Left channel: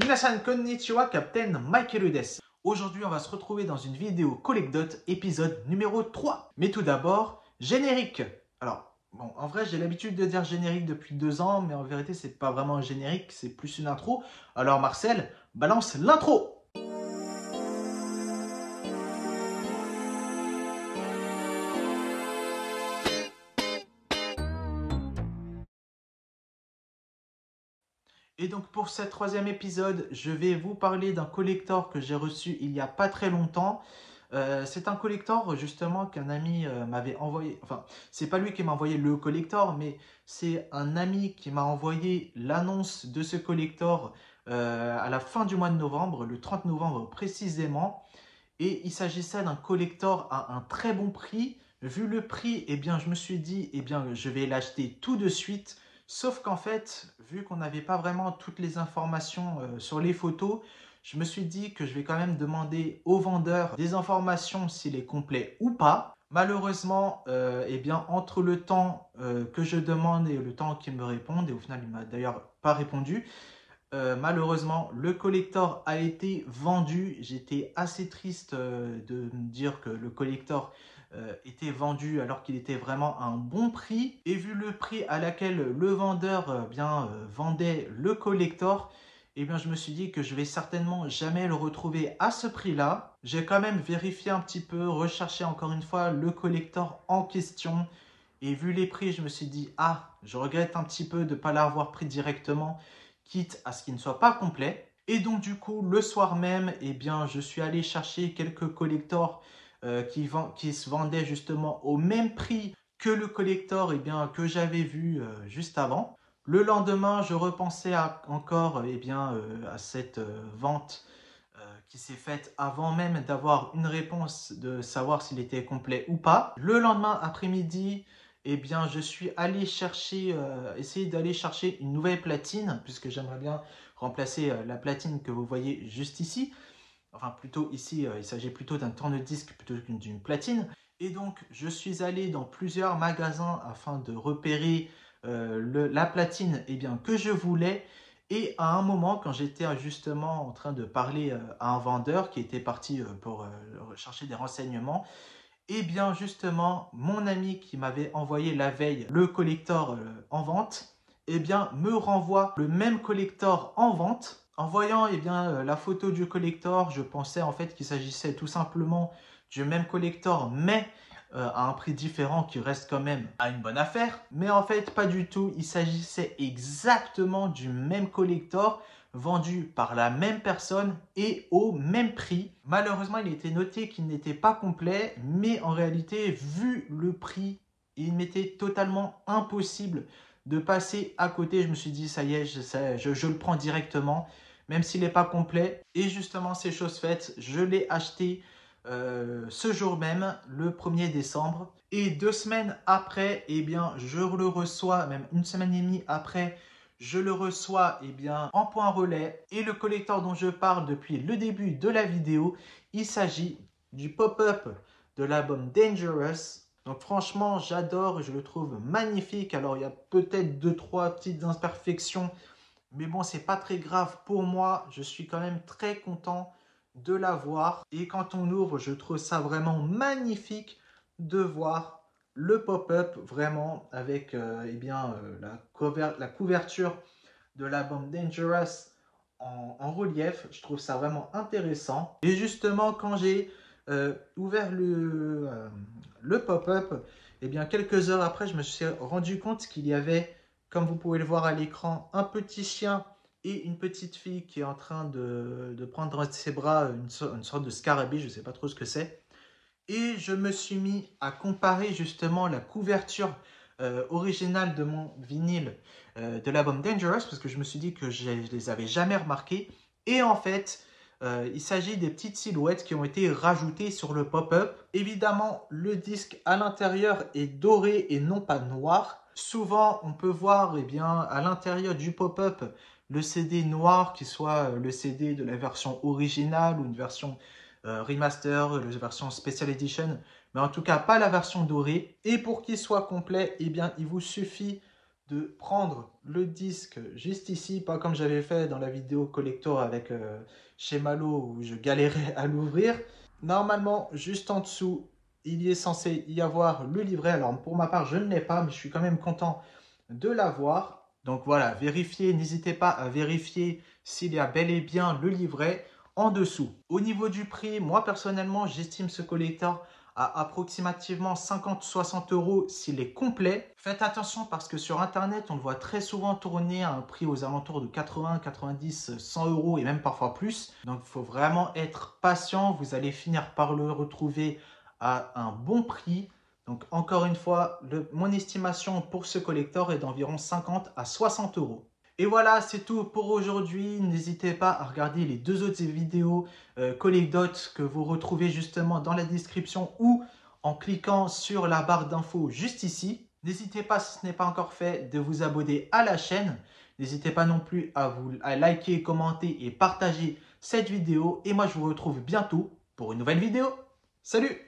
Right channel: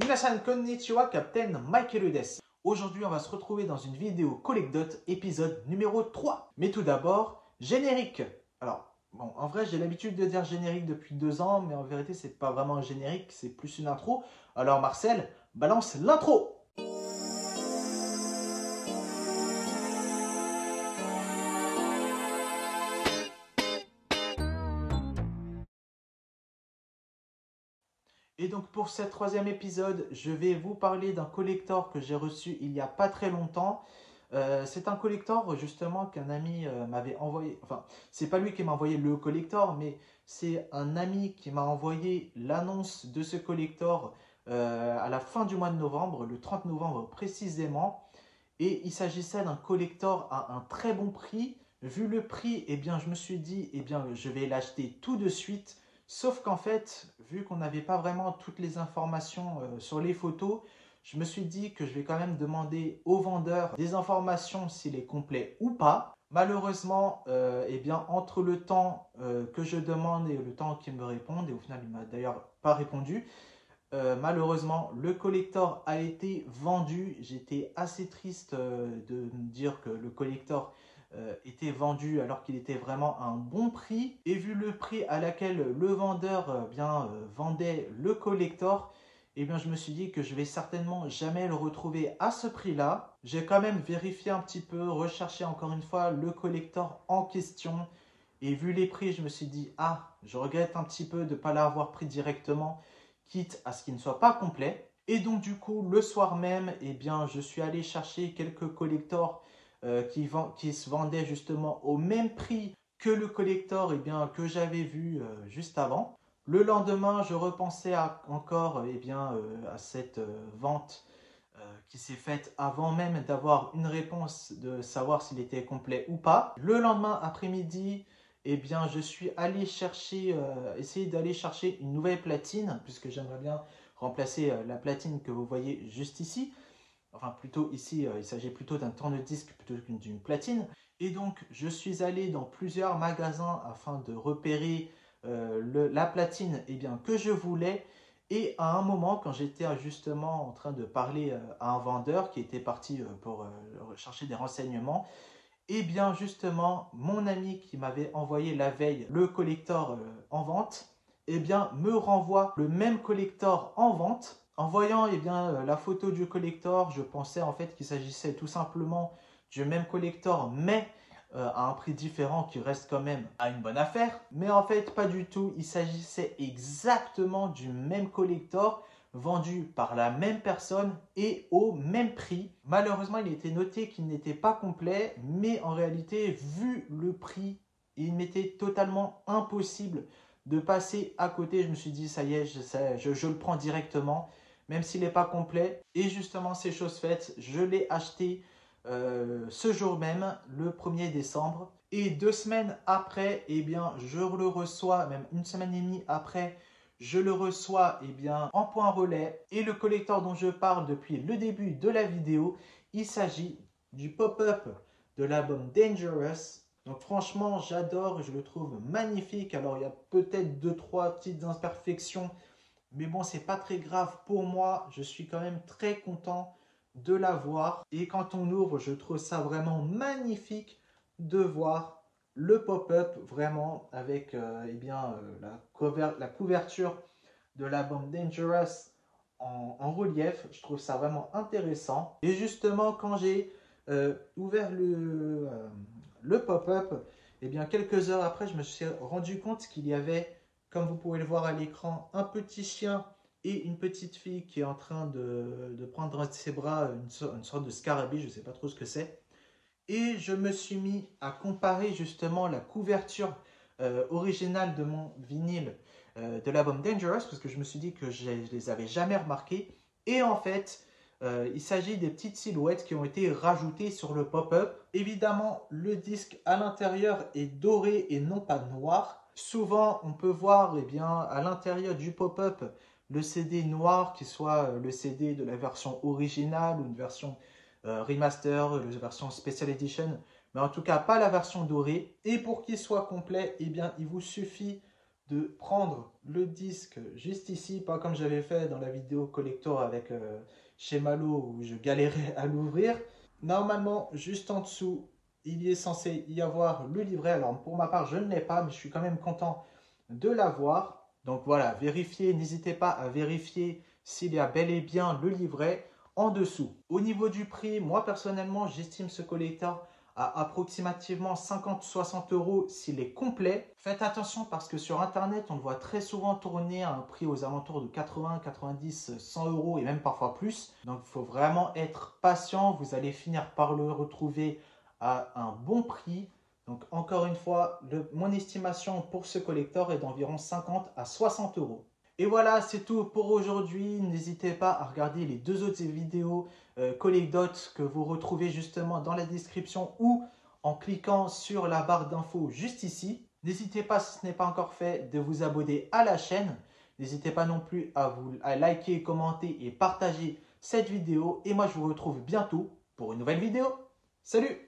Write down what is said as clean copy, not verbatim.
Minasan konnichiwa, Captain Michael desu. Aujourd'hui, on va se retrouver dans une vidéo Collect Dot, épisode numéro 3. Mais tout d'abord, générique. Alors, bon, en vrai, j'ai l'habitude de dire générique depuis 2 ans, mais en vérité, c'est pas vraiment un générique, c'est plus une intro. Alors, Marcel, balance l'intro. Et donc pour ce troisième épisode, je vais vous parler d'un collector que j'ai reçu il n'y a pas très longtemps. C'est un collector justement qu'un ami m'avait envoyé. Enfin, c'est pas lui qui m'a envoyé le collector, mais c'est un ami qui m'a envoyé l'annonce de ce collector à la fin du mois de novembre, le 30 novembre précisément. Et il s'agissait d'un collector à un très bon prix. Vu le prix, eh bien, je me suis dit, eh bien, je vais l'acheter tout de suite. Sauf qu'en fait, vu qu'on n'avait pas vraiment toutes les informations sur les photos, je me suis dit que je vais quand même demander au vendeur des informations s'il est complet ou pas. Malheureusement, eh bien, entre le temps que je demande et le temps qu'il me réponde, et au final, il m'a d'ailleurs pas répondu, malheureusement, le collector a été vendu. J'étais assez triste de me dire que le collector était vendu alors qu'il était vraiment à un bon prix. Et vu le prix à laquelle le vendeur vendait le collector, eh bien, je me suis dit que je vais certainement jamais le retrouver à ce prix-là. J'ai quand même vérifié un petit peu, recherché encore une fois le collector en question. Et vu les prix, je me suis dit, ah, je regrette un petit peu de ne pas l'avoir pris directement, quitte à ce qu'il ne soit pas complet. Et donc du coup, le soir même, eh bien, je suis allé chercher quelques collectors qui se vendaient justement au même prix que le collector que j'avais vu juste avant. Le lendemain, je repensais encore à cette vente qui s'est faite avant même d'avoir une réponse de savoir s'il était complet ou pas. Le lendemain après-midi, eh bien, je suis allé essayer d'aller chercher une nouvelle platine, puisque j'aimerais bien remplacer la platine que vous voyez juste ici. Enfin, plutôt ici, il s'agit plutôt d'un tourne-disque plutôt que d'une platine. Et donc, je suis allé dans plusieurs magasins afin de repérer la platine que je voulais. Et à un moment, quand j'étais justement en train de parler à un vendeur qui était parti pour chercher des renseignements, et bien justement, mon ami qui m'avait envoyé la veille le collector en vente, me renvoie le même collector en vente. En voyant la photo du collector, je pensais en fait qu'il s'agissait tout simplement du même collector, mais à un prix différent qui reste quand même à une bonne affaire. Mais en fait, pas du tout. Il s'agissait exactement du même collector vendu par la même personne et au même prix. Malheureusement, il était noté qu'il n'était pas complet, mais en réalité, vu le prix, il m'était totalement impossible de passer à côté. Je me suis dit, ça y est, je le prends directement, même s'il n'est pas complet. Et justement, c'est chose faite, je l'ai acheté ce jour même, le 1er décembre. Et 2 semaines après, je le reçois, même une semaine et demie après, je le reçois en point relais. Et le collector dont je parle depuis le début de la vidéo, il s'agit du pop-up de l'album Dangerous. Donc franchement, j'adore, je le trouve magnifique. Alors il y a peut-être 2-3 petites imperfections, mais bon, c'est pas très grave pour moi. Je suis quand même très content de l'avoir. Et quand on ouvre, je trouve ça vraiment magnifique de voir le pop-up vraiment avec la couverture de l'album Dangerous en relief. Je trouve ça vraiment intéressant. Et justement, quand j'ai ouvert le pop-up, quelques heures après, je me suis rendu compte qu'il y avait, comme vous pouvez le voir à l'écran, un petit chien et une petite fille qui est en train de prendre dans ses bras une sorte de scarabée, je ne sais pas trop ce que c'est. Et je me suis mis à comparer justement la couverture originale de mon vinyle de l'album Dangerous, parce que je me suis dit que je ne les avais jamais remarqués. Et en fait, il s'agit des petites silhouettes qui ont été rajoutées sur le pop-up. Évidemment, le disque à l'intérieur est doré et non pas noir. Souvent, on peut voir à l'intérieur du pop-up le CD noir, qui soit le CD de la version originale ou une version remaster, la version Special Edition, mais en tout cas pas la version dorée. Et pour qu'il soit complet, il vous suffit de prendre le disque juste ici, pas comme j'avais fait dans la vidéo collector avec chez Malo où je galérais à l'ouvrir. Normalement, juste en dessous, il y est censé y avoir le livret. Alors pour ma part, je ne l'ai pas, mais je suis quand même content de l'avoir. Donc voilà, vérifiez, n'hésitez pas à vérifier s'il y a bel et bien le livret en dessous. Au niveau du prix, moi personnellement, j'estime ce collector à approximativement 50-60 euros s'il est complet. Faites attention parce que sur internet, on le voit très souvent tourner à un prix aux alentours de 80, 90, 100 euros et même parfois plus. Donc il faut vraiment être patient. Vous allez finir par le retrouver à un bon prix. Donc encore une fois, mon estimation pour ce collector est d'environ 50 à 60 euros. Et voilà, c'est tout pour aujourd'hui. N'hésitez pas à regarder les deux autres vidéos Collect Dot que vous retrouvez justement dans la description ou en cliquant sur la barre d'infos juste ici. N'hésitez pas, si ce n'est pas encore fait, de vous abonner à la chaîne. N'hésitez pas non plus à liker, commenter et partager cette vidéo. Et moi, je vous retrouve bientôt pour une nouvelle vidéo. Salut!